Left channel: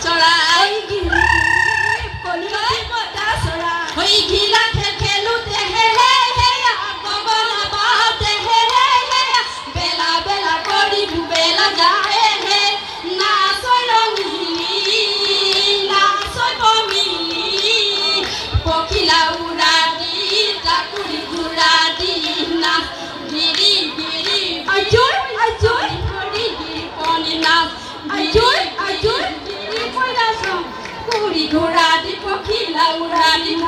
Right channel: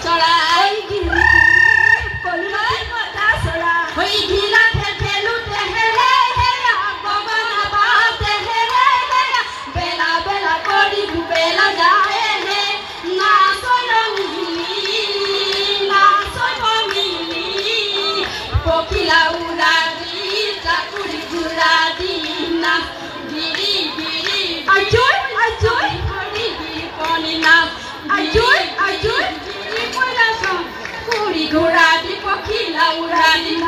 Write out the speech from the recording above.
交来 ঘোড়া দিব খিলা উড়া দিব